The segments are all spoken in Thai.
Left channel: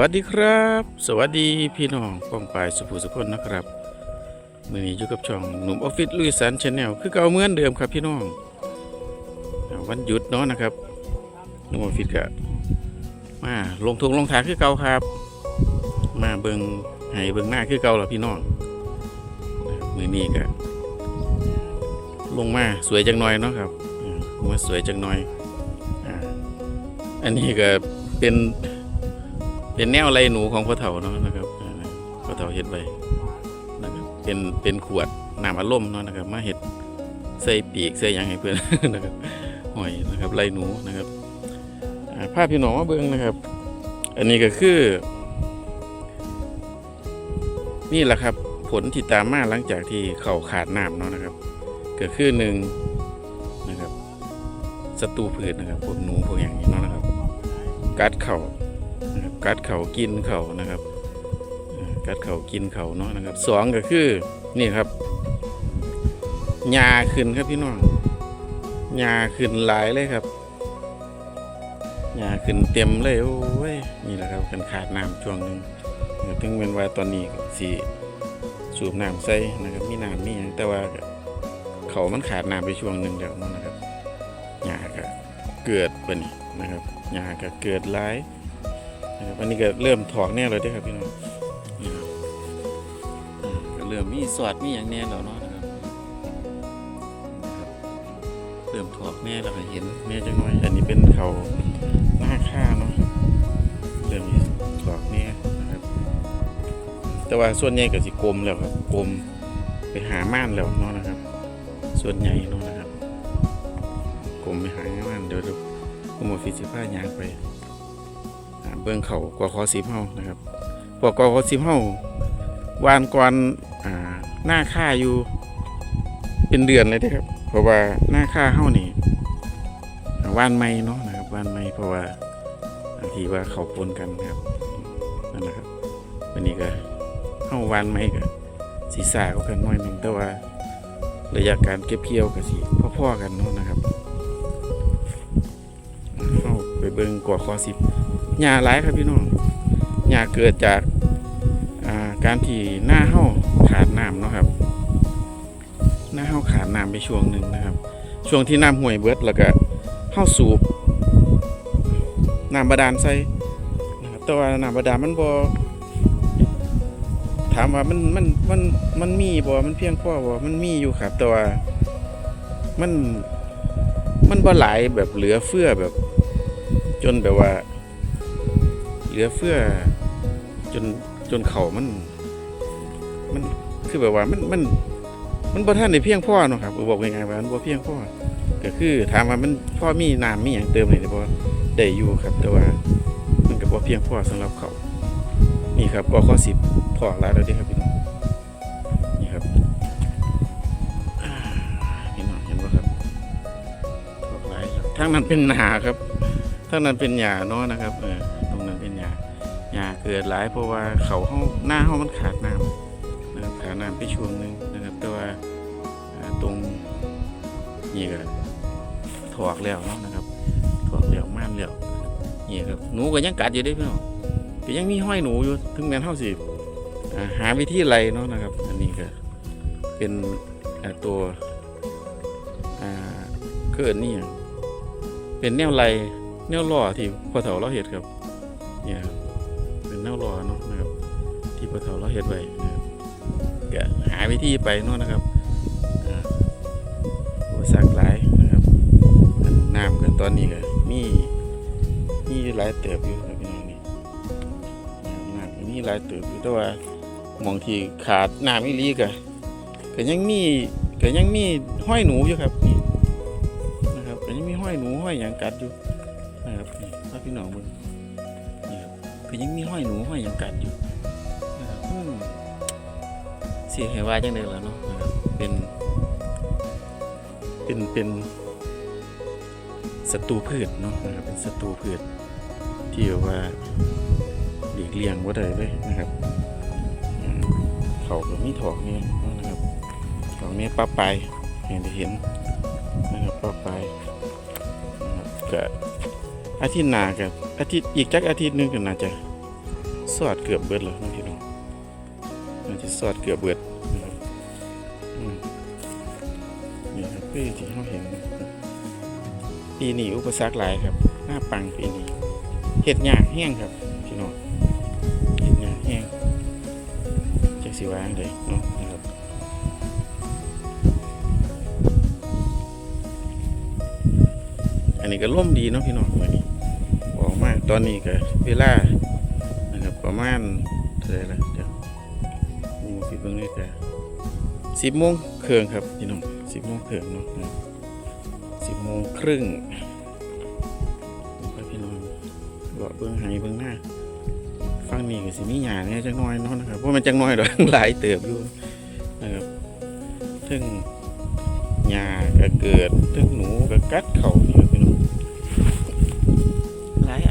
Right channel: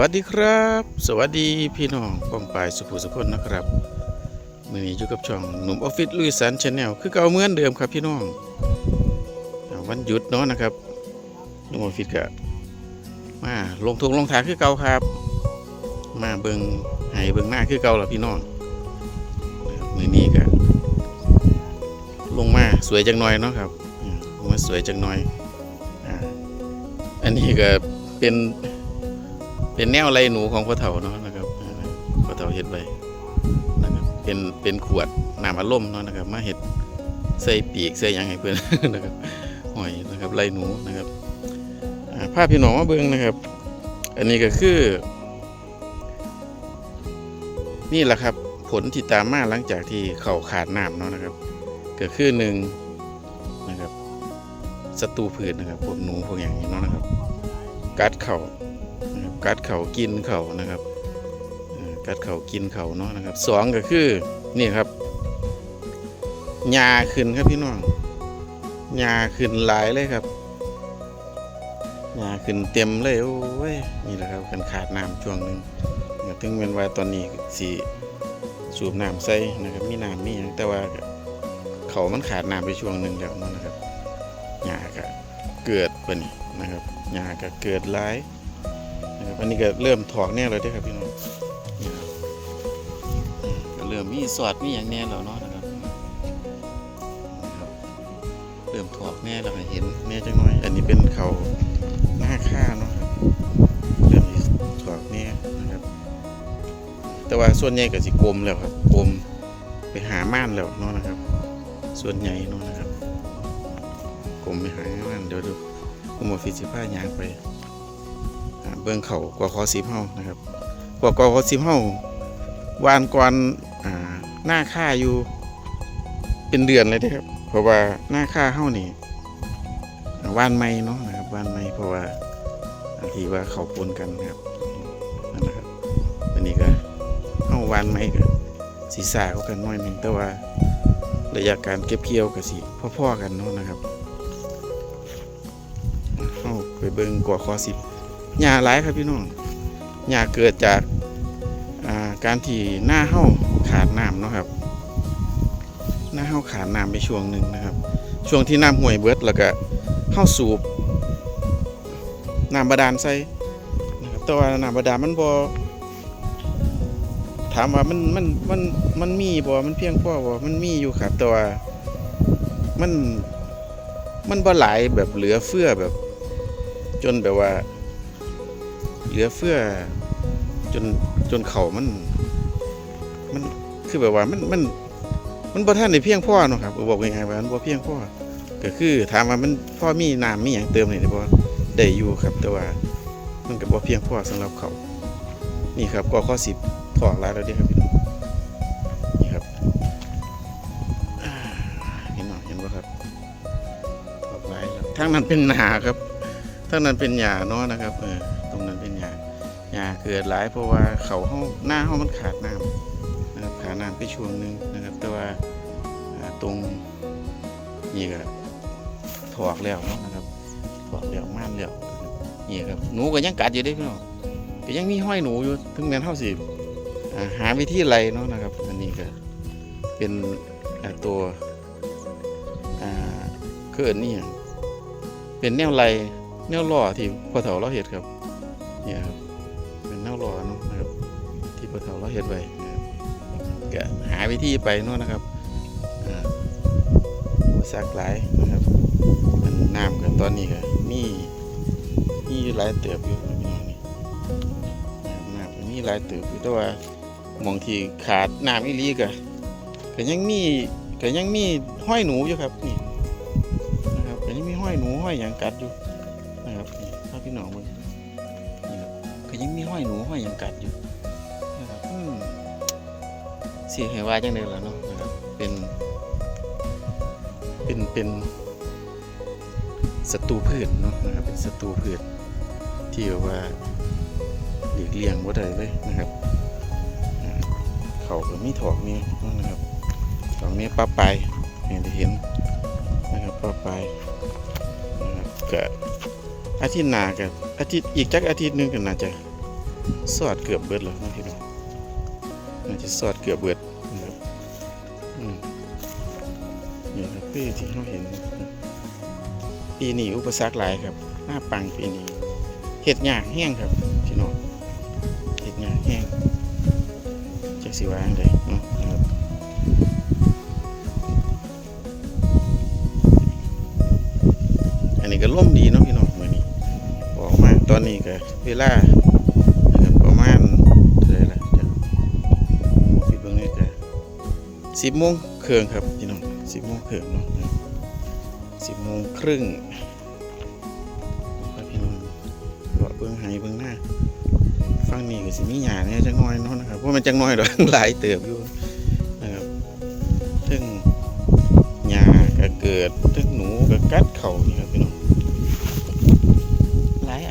วัสดีครับ สวัสดีพี่น้องกองปลายสุภูสุพนนะครับมือนี้อยู่กับช่องหนุ่มออฟฟิศลุยสันชาแนลคือเก่าเหมือนเดิมครับพี่น้องวันหยุดเนาะนะครับหนุ่มออฟฟิศก็มาลงทงลงทางคือเก่าครับ มาเบิงให้เบิงหน้าคือเก่าแล้วพี่น้องมือนี้ก็ลงมาสวยจังหน่อยเนาะครับมาสวยจังหน่อยอันนี้ก็เป็น เป็นแนวไรหนูของพ่อเฒ่าเนาะนะครับพ่อเฒ่าเฮ็ดไว้นะครับเป็นเป็นขวดน้ำอัดลมเนาะนะครับ มาเฮ็ดใส่ปีกใส่ยังให้เพื่อนนะครับหอยนะครับไรหนูนะครับภาพพี่น้องมาเบิ่งนะครับ อันนี้ก็คือ นี่แหละครับ ผลที่ตามมาหลังจากที่เข่าขาดน้ำเนาะนะครับก็คือหนึ่งนะครับศัตรูพืชนะครับพวกหนูพวกอย่างนี้เนาะนะครับ กัดเข่า กัดเขากินเขานะครับ กัดเขากินเขาเนาะนะครับสองก็คือนี่ครับหญ้าขึ้นครับพี่น้องหญ้าขึ้นหลายเลยครับหญ้าขึ้นเต็มเลยโอ้ยนี่แหละครับกันขาดน้ำช่วงหนึ่งนะครับถึงเป็นว่าตอนนี้สีสูบน้ำใส่นะครับมีน้ำมีแต่ว่าเขามันขาดน้ำไปช่วงหนึ่งแล้วนะนะครับหญ้าก็เกิดไปนี่นะครับหญ้าก็เกิดหลาย นะครับอันนี้ก็เริ่มถอกแน่เลยด้อครับพี่น้องนี่ครับก็เริ่มมีสอดมีอย่างแน่แล้วเนาะนะครับนะครับ เริ่มถอกแน่แล้วเห็นแน่จังน้อย อันนี้เป็นเขาหน้าค่าเนาะครับ เริ่มมีถอกแน่นะครับ แต่ว่าส่วนใหญ่ก็สิกลมแล้วครับกลมไปหาม่านแล้วเนาะนะครับ ส่วนใหญ่เนาะนะครับกลมไปหาม่านเดี๋ยวเดี๋ยวผมเอาฟิสิผ้ายางไป เบื้องเขากว่าคอสิบเฮานะครับพวกกว่าคอสิบเฮาวานก่อนอ่าหน้าค่าอยู่เป็นเดือนเลยเด้อครับ เพราะว่าหน้าค่าเฮานี่วานไม่เนาะนะครับวานไม่เพราะว่าบางทีว่าเขาปนกันนะครับนั่นนะครับวันนี้ก็เฮาวานไม่ก็สีสาก็กันน้อยหนึ่งแต่ว่าระยะการเก็บเกี่ยวกับสีพ่อๆกันเนาะนะครับเฮาไปเบิ่งกว่าคอสิบ หญ้าหลายครับพี่น้องหญ้าเกิดจากาการที่หน้าเห้าขาดน้ำเนาะครับ หน้าเห้าขาดน้ำไปช่วงหนึ่งนะครับ ช่วงที่น้ำห่วยเบิดแล้วก็เห้าสูบน้ำบาดาลใส่นะครับแต่ว่าน้ำบาดาลมันบ่ถามว่ามันมันมันมันมีบ่มันเพียงพอบ่มันมีอยู่ครับ แต่ว่ามันมันบ่หลายแบบเหลือเฟือแบบ จนแบบว่า เหลือเฟือจนจนเขามัน มันคือแบบว่ามันมันมันบ่ท่านได้เพียงพ่อเนาะครับบอกง่ายๆว่ามันบ่เพียงพ่อก็คือถามว่ามันพ่อมีน้ำมีหยังเติมนี่ได้บ่ได้อยู่ครับ แต่ว่ามันก็บ่เพียงพ่อสำหรับเขานี่ครับก็ข้อ10ถอกหลายแล้วด้ครับพี่น้องนี่ครับพี่น้องเห็นบ่ครับถอกหลายแล้วทางนั้นเป็นหนาครับทั้งนั้นเป็นหญ้าเนาะนะครับเออ หญ้าเกิดหลายเพราะว่าเขาเฮาหน้าเฮามันขาดน้ำนะครับขาดน้ำไปช่วงหนึ่งนะครับ แต่ว่าตรงนี่ก็ถอกแล้วเนาะนะครับถอกแล้วม่านแล้วนี่ครับหนูก็ยังกัดอยู่เด้พี่น้องก็ยังมีห้อยหนูอยู่ถึงแม้นเฮาสิอ่าหาวิธีไล่เนาะนะครับ อันนี้ก็เป็นตัวเกิดนี่ยเป็นแนวไล่แนวล่อที่พอเฒ่าเราเห็ดครับเนี่ยครับ แนวล่อเนาะนะครับ ที่พ่อเฒ่าเราเห็ดไว้นะครับก็หาวิธีไปเนาะนะครับอุปสรรคหลายนะครับอันน้ำกันตอนนี้ก็มีมีหลายเติบอยู่ครับพี่น้องนี่นะครับน้ำมีหลายเติบอยู่แต่ว่ามองที่ขาดน้ำอีลีก็ก็ยังมีก็ยังมีห้อยหนูอยู่ครับนี่นะครับก็ยังมีห้อยหนูห้อยหยางกัดอยู่นะครับนี่ถ้าพี่น้องมึงนี่ครับ คือยังมีห้อยหนูห้อยยังกัดอยู่นะครับเสียเหว่าจังเลยล่ะเนาะนะครับเป็น เป็นเป็นศัตรูพืชเนาะนะครับเป็นศัตรูพืชที่ว่าหลีกเลี่ยงว่าได้เลยนะครับเขาก็มีถอกนี่นะครับถอกนี้ปลาไปเห็นได้เห็นนะครับปลาไปนะครับก็ อาทิตย์หน้ากับอาทิตย์อีกจักอาทิตย์หนึงก็น่าจะสอดเกือบเบิดแล้วนะพี่น้องน่าจะสอดเกือบเบิดนะครับอืมนี่ครับที่เราเห็นปีนี้อุปสรรคหลายครับหน้าปังปีนี้เห็ดหยากแห้งครับพี่น้องเห็ดหยากแห้งจากสิวางเลยเนาะนะครับ อันนี้ก็ร่มดีเนาะพี่น้องวันนี้ออกมาตอนนี้ก็เวลานะครับประมาณเท่าไหร่ะเดี๋ยวมูฟิตเบิ้องนี่ก็สิบโมงเครึ่งครับพี่น้องสิบโมงเครึ่งเนาะสิบโมงครึ่งไปพี่น้องเลาะเบิ้องไหเบิ้องหน้าฟังนี่ก็สิมีหยาเนี่ยจังน้อยเนาะนะครับเพราะมันจังน้อยดอกหลายเติบอยู่นะครับถึงหญ้าก็เกิดทึกหนูก็กัดเข่านี่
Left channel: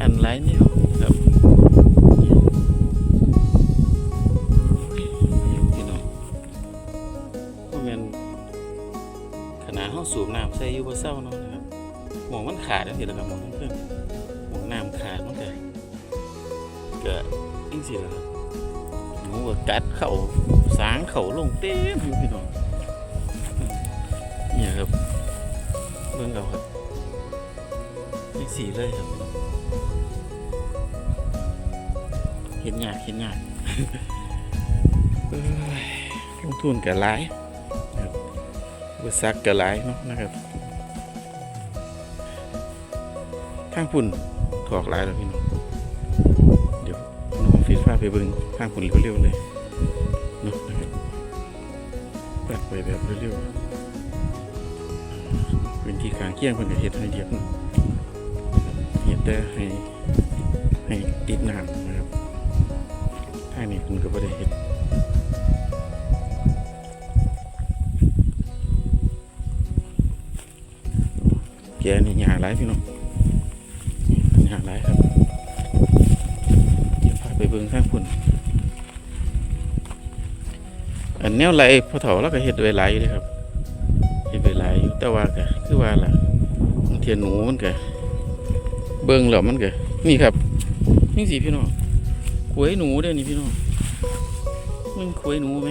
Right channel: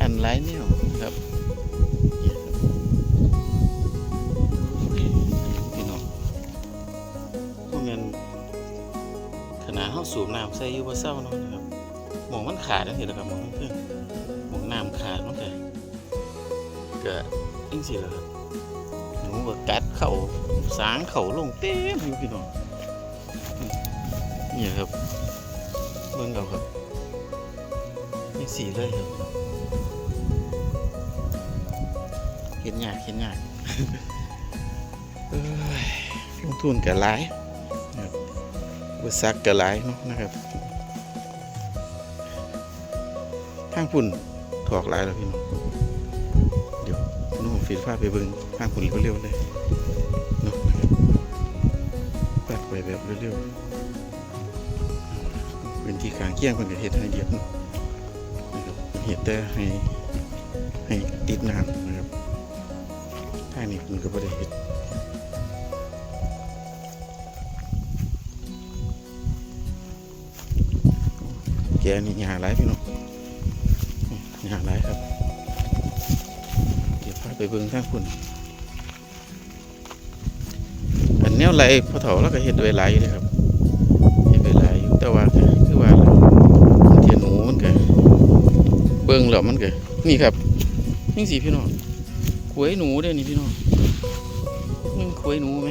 ครัน้องหลายอันหลายแนวครับเนี่ยโอ้ยพี่น้องพวกมันขนาดเฮาสูบน้ำใส่ยู่บ่เศร้าเนาะนะครับหมองมันขาดจังซี่แหละครับหมองเพิ่อนหมองน้ำขาดมันก็ก็จังซี่แหละครับหนูก็กัดเข่าสางเข่าลงเต็มอยู่พี่น้องเนี่ยครับเบิ่งเอาครับไม่สีเลยครับ เห็นยากเห็นยากเอ้ยลงทุนกับหลายนะครับบริษัทกับหลายเนาะนะครับทางพุ่นถอกหลายแล้วพี่น้องเดี๋ยวน้องฟีดฟ้าไปเบิ่งทางพุ่นเร็วๆเลยเนาะนะครับปัดไปแบบเร็วๆพื้นที่กลางเคียงเพิ่นก็เฮ็ดให้เรียบเนาะนะครับเฮ็ดแต่ให้ให้ติดน้ำ นะครันก็บ่ได้เฮ็ดแกนี่หาหลายพี่น้องหาหลายครับ เดี๋ยวพาไปเบิ่งทางพุ่นอันแนวไหลพ่อเฒ่าเราก็เฮ็ดไว้หลายเด้ครับเฮ็ดไปหลายแต่ว่าคือว่าเทียนหนูมันก็เบิ่งแล้วมันก็นี่ครับนี่สิพี่น้องขวยหนูเด้นี่พี่น้อง มันขวยหนูไหม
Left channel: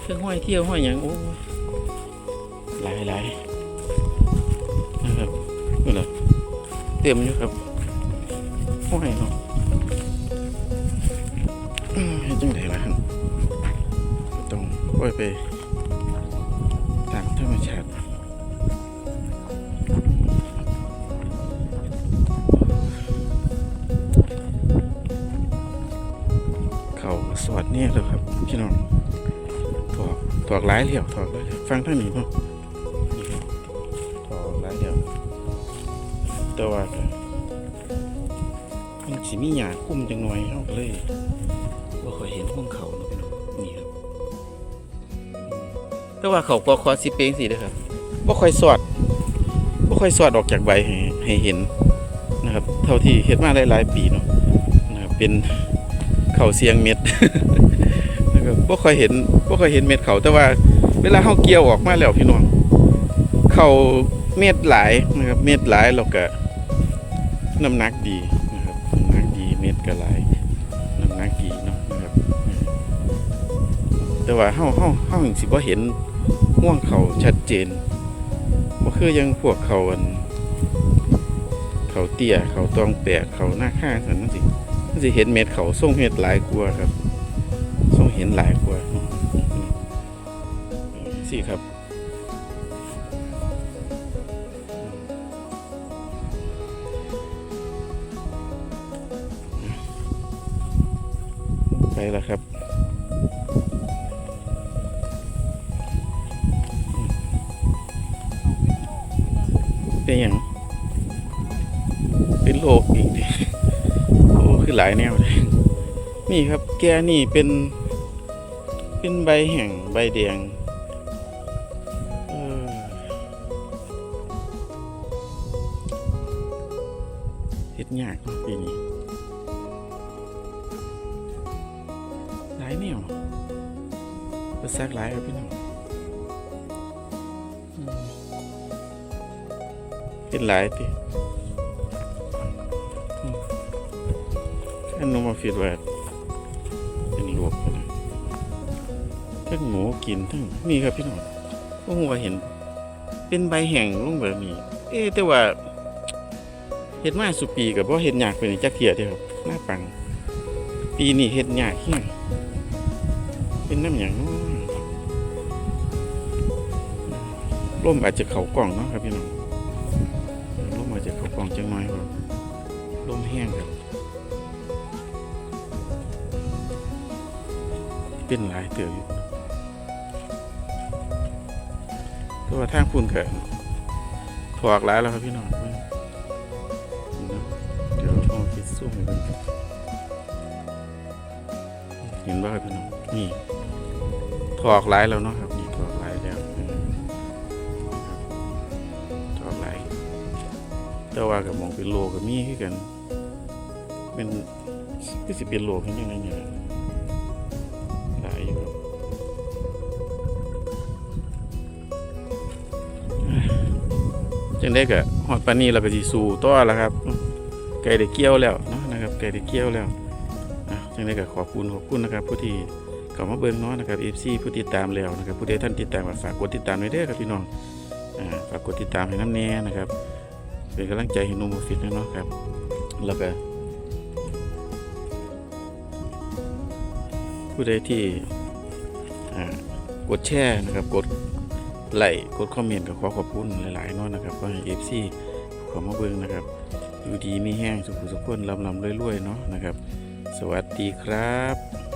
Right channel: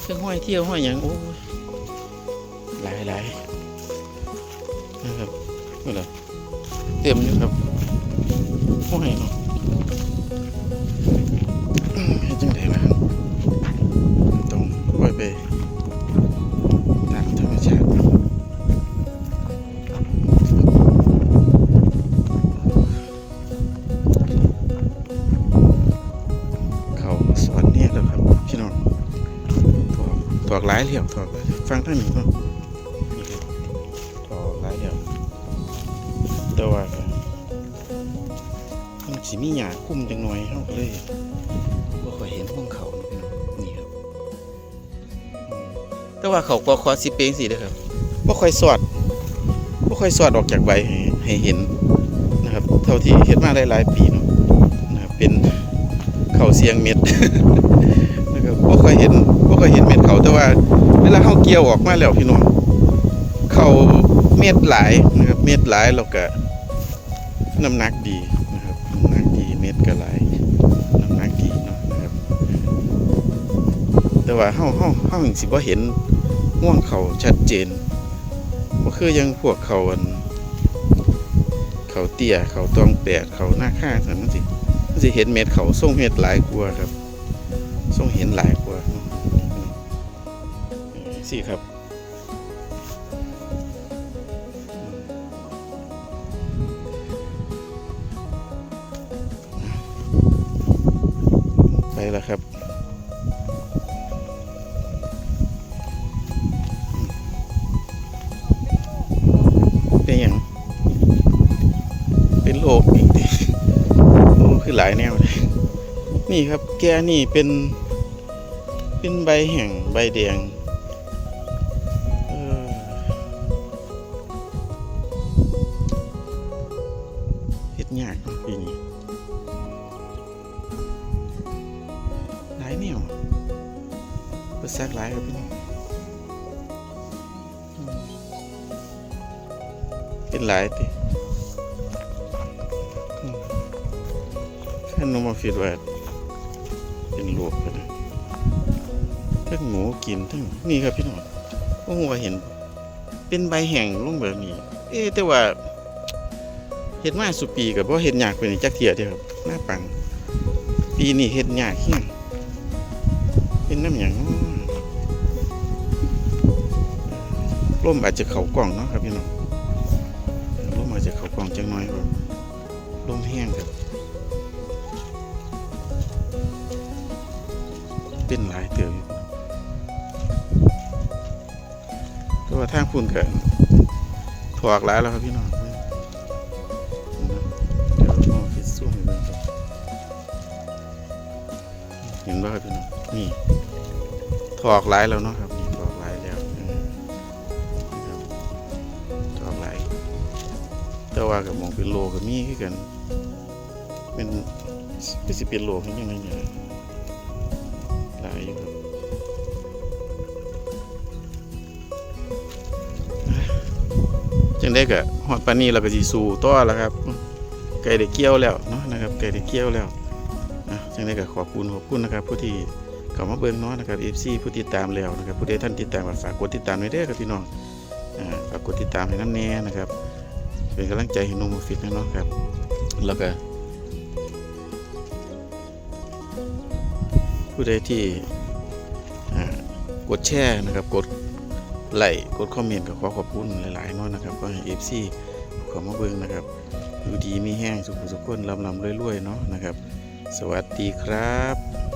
เครื่องห้อยเที่ยวห้อยอย่างโอ้ยหลายหลายนะครับนี่แหละเต็มอยู่ครับห้อยเนาะจังไดล่ะครับต้องปล่อยไปตามธรรมชาติ ถอกหลายเหลี่ยมถอกเลยฟังท่างนี้ป่ะนี่ครับถอกหลายเหลี่ยมแต่ว่าก็มันสิมีหยาคุ้มจังหน่อยเฮาก็เลยบ่ค่อยเห็นพวกเขาเนาะพี่น้องนี่ครับ แต่ว่าเขาก็คอสิเปงสิเด้อครับบ่ค่อยสอดบ่ค่อยสอดออกจากใบให้ให้เห็นนะครับ เท่าที่เฮ็ดมาหลายๆปีเนาะนะครับเป็น เขาเสียงเม็ดนะครับบ่ค่อยเห็นบ่ค่อยเห็นเม็ดเขาแต่ว่า เวลาเฮาเกี่ยวออกมาแล้วพี่น้องเขาเม็ดหลายนะครับเม็ดหลายแล้วก็น้ำหนักดีนะครับน้ำหนักดีเม็ดก็หลายน้ำหนักดีเนาะนะครับแต่ว่าเฮาเฮาเฮาจังสิบ่เห็นห่วงเขาชัดเจนบ่คือยังพวกเขาอันเขาเตี้ยเขาตองแปดเขาหน้าค่าซั่นมันสิ สิเห็นเม็ดเขาส่งเห็ดหลายกว่าครับส่งเห็นหลายกว่าสี่ครับไปแล้วครับ หลายแนว นี่ครับแกนี่เป็น เป็นใบแห่งใบแดงเออเฮ็ดยากเนาะปีนี้หลายแนวประสักหลายครับพี่น้องเป็นหลายติ อืมท่านนมาฟิดว่าเป็นโรคนะทั้งหมูกินทั้งนี่ครับพี่น้องพวกหัวาเห็น เป็นใบแห้งลงแบบนี้ เอ๊แต่ว่าเห็ดมาสุปีกับว่าเห็ดยากเป็นจักเทียเดียวครับหน้าปัง ปีนี้เห็ดยากเฮี้ยงเป็นน้ำอย่างน้อร่มอาจจะเขากล่องเนาะครับพี่น้องร่มอาจจะเขากล่องจังน้อยครับร่มแห้งครับ เป็นหลายเตืออยู่แต่ว่าทางพุ่นก็ถอกหลายแล้วครับพี่น้องเดี๋ยวมองคิดสู้ให้เบิ่งครับเห็นบ่ครับพี่น้องนี่ถอกหลายแล้วเนาะครับนี่ถอกหลายแล้วถอกหลายแต่ว่ากับมองเป็นโลกับมีคือกันเป็นคือสิเป็นโลขึ้นยังไงเนี่ย งได้กะหอดปานนี้เราก็สิสู่ต่อแล้วครับไก่ได้เกี่ยวแล้วเนาะนะครับไก่ได้เกี่ยวแล้วอะจังได้กะขอบคุณขอบคุณนะครับ ผู้ที่เข้ามาเบิ่งเนาะนะครับ FC ผู้ติดตามแล้วนะครับ ผู้ใดท่านติดตามฝากกดติดตามไว้เด้อครับพี่น้องอ่าฝากกดติดตามให้น้ำแน่นะครับ เป็นกำลังใจให้หนุ่มฟิตนะเนาะครับ แล้วก็ผู้ใดที่อ่ากดแชร์นะครับกด ไลค์กดคอมเมนต์กับขอขอบคุณหลายๆน้อยนะครับก็ให้เอฟซีขอมาเบิ้งนะครับอยู่ดีมีแห้งสุขสุขคนลำลำรวยๆเนาะนะครับ สวัสดีครับ